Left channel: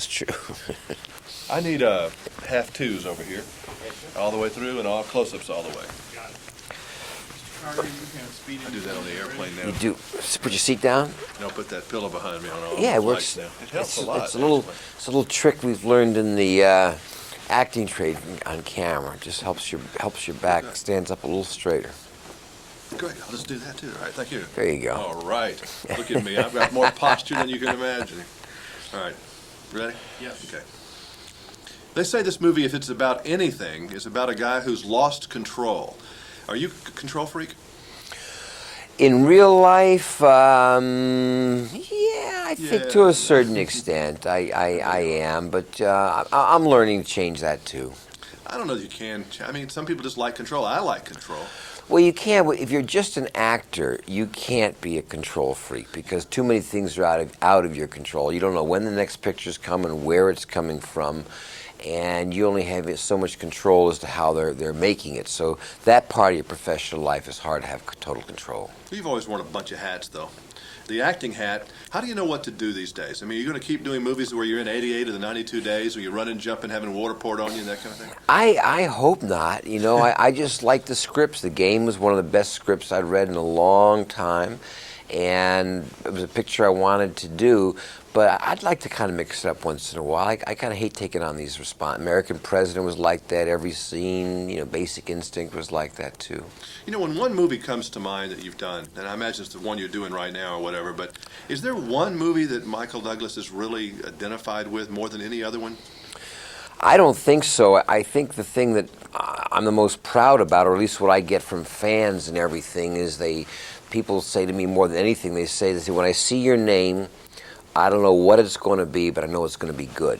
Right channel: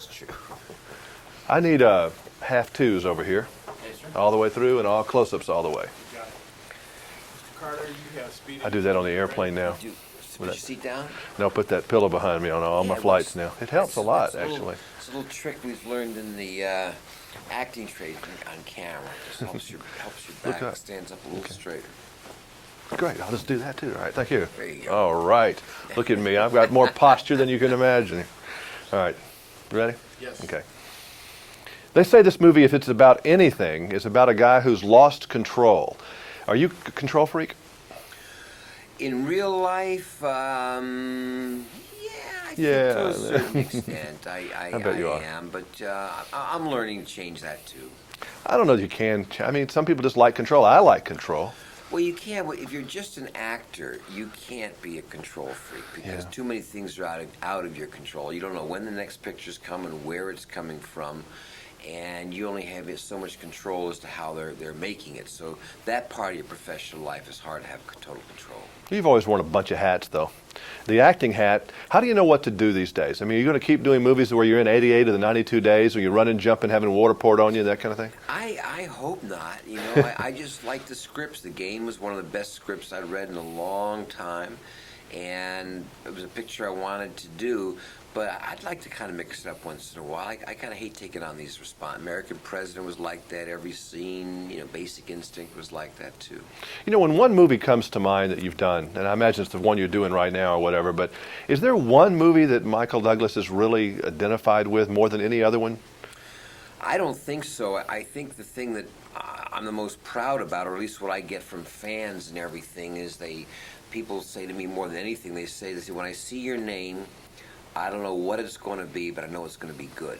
It's true. I need half twos over here, all the way through, and all close-ups all the way. Mr. Carter, you have speed. I do that on the airplane now. You do. Put your seat down. Now put that pillow behind me on all Yeah, my it flights works. now. It helps a lot, It's a little, actually. it's a little trick we've learned in the acting trade on camera. It just helps your back Okay. stands up a little straighter. Great, I'll just do that too. All right, thank you. There you go. All right, look at me. I've got more posture than you can imagine. All right, ready? Yes. Okay. They say this movie, if it's about anything, is about a guy who's lost control. Are you a control freak? In real life, yeah, I think to Yeah. a certain extent, I bet you are. am, but I'm learning to change that too. I don't know if you can. I mean, some people just like control. I like control. Well, you can't. If you're just an actor, you can't be a control freak because too many things are out of your control. You don't know when the next picture's coming, where it's coming from, and you only have so much control as to how they're making it. So that part of your professional life is hard to have total control. You've always worn a bunch of hats, though. The acting hat, how do you know what to do these days? I mean, are you going to keep doing movies where you're in 88 of the 92 days, or you're running, jumping, having water poured on you, and that kind of thing? I hope not. You know, I just like the scripts. The Game was one of the best scripts I'd read in a long time, and it was a picture I wanted to do. But I'd like to kind of mix it up once in a while. I kind of hate taking on these American President was like that. Every scene, you know, Basic Instinct was like that too. You know, when one movie comes to mind that you've done, and I imagine it's the one you're doing right now or whatever, but is there one movie that Michael Douglas is really identified with more than any other one? I don't think so. I think the thing that I'm the most proud about, or at least what I get from fans and everything, is people say to me more than anything, they say, when I see your name, I don't know what it's going to be, but I know it's going to be good.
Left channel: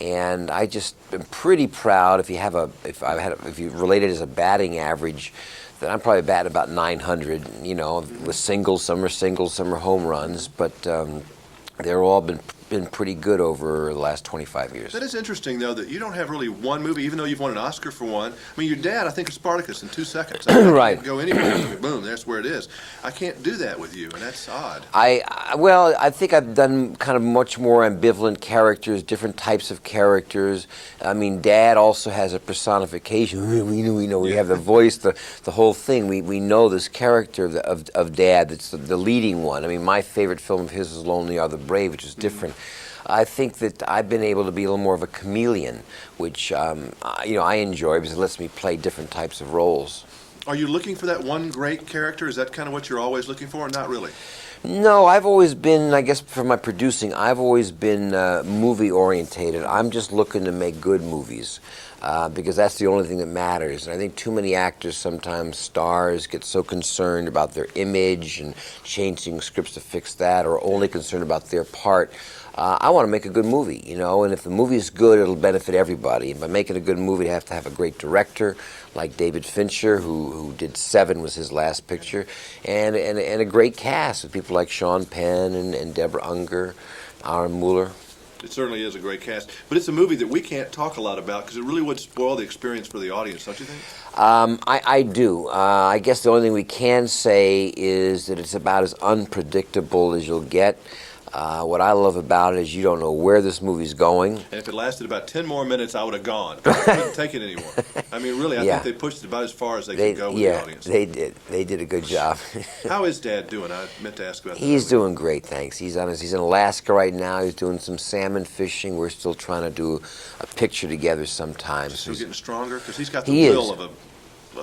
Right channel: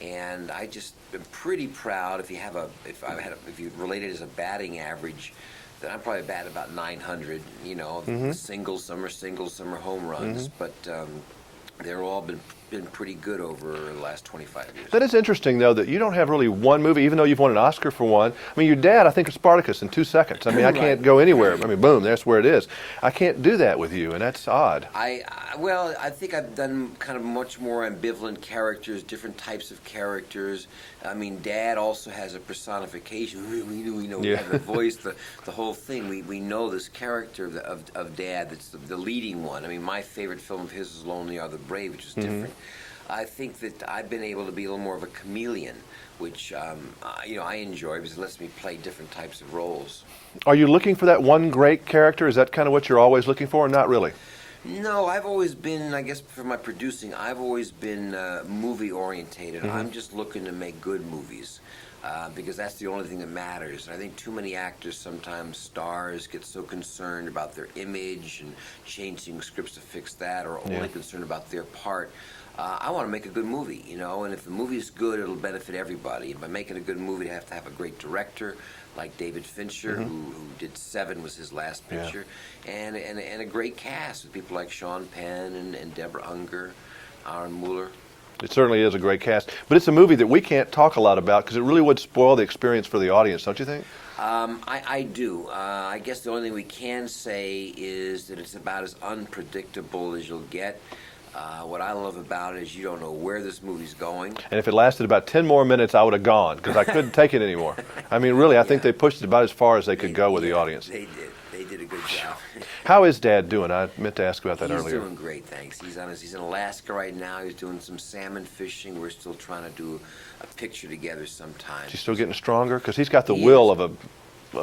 And I just am pretty proud. If you relate it as a batting average, then I'm probably batting about 900. You know, the singles, some are home runs, but they're all been pretty good over the last 25 years. That is interesting, though, that you don't have really one movie, even though you've won an Oscar for one. I mean, your dad, I think, is Spartacus in 2 seconds. I mean, I Right. can't go anywhere. I mean, boom, that's where it is. I can't do that with you, and that's odd. Well, I think I've done kind of much more ambivalent characters, different types of characters. I mean, Dad also has a personification. We know. We Yeah. have the voice, the whole thing. We know this character of Dad. That's the leading one. I mean, my favorite film of his is Lonely Are the Brave, which is different. I think that I've been able to be a little more of a chameleon, which I enjoy because it lets me play different types of roles. Are you looking for that one great character? Is that kind of what you're always looking for, or not really? No, I've always been, I guess for my producing, I've always been movie orientated. I'm just looking to make good movies because that's the only thing that matters. And I think too many actors, sometimes stars, get so concerned about their image and changing scripts to fix that, or only concerned about their part. I want to make a good movie, you know, and if the movie is good, it'll benefit everybody. And by making a good movie, you have to have a great director, like David Fincher, who did Seven, was his last picture, and a great cast with people like Sean Penn and Deborah Unger, Aaron Mueller. It certainly is a great cast, but it's a movie that we can't talk a lot about because it really would spoil the experience for the audience, don't you think? I do. I guess the only thing we can say is that it's about as unpredictable as you'll get. What I love about it is you don't know where this movie's going. And if it lasted about 10 more minutes, I would have gone because I couldn't take it anymore. I mean, really, I think they pushed it about as far as they could go with the audience. They did. They did a good job. How is Dad doing? I meant to ask about that He's earlier. doing great, thanks. He's in Alaska right now. He's doing some salmon fishing. We're still trying to do a picture together sometimes. He's still getting stronger because he's got the He will is. of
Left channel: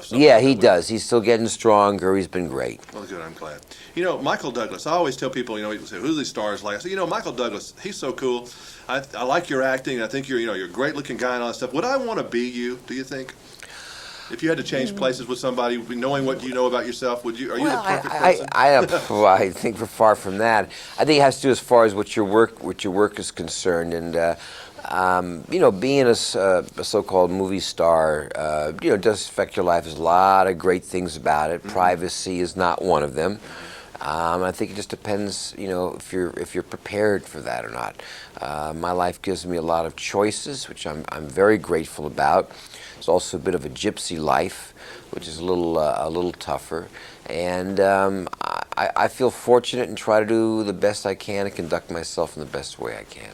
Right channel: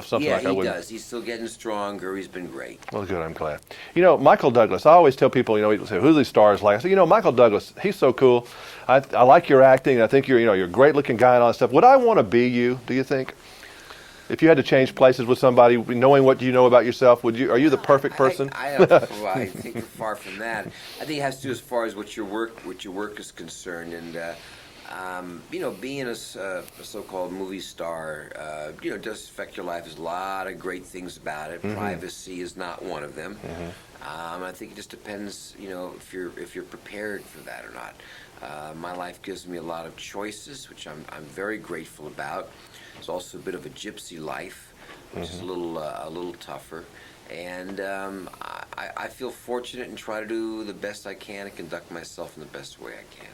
something Yeah, like that he with- does. He's still getting stronger. He's been great. Well, good. I'm glad. You know, Michael Douglas. I always tell people, people say, "Who are these stars like?" I say, Michael Douglas. He's so cool. I like your acting. I think you're a great-looking guy and all that stuff. Would I want to be you? Do you think? If you had to change places with somebody, knowing what you know about yourself, are you the perfect person? I think we're far from that. I think it has to do as far as what your work is concerned, and being a so-called movie star, does affect your life. There's a lot of great things about it. Privacy is not one of them. I think it just depends, if you're prepared for that or not. My life gives me a lot of choices, which I'm very grateful about. It's also a bit of a gypsy life, which is a little tougher. And I feel fortunate and try to do the best I can and conduct myself in the best way I can.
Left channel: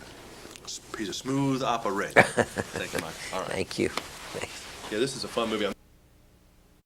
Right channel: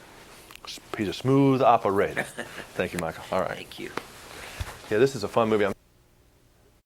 He's a smooth operator. Thank you, Michael. All right. Thank you. Yeah, this is a fun movie.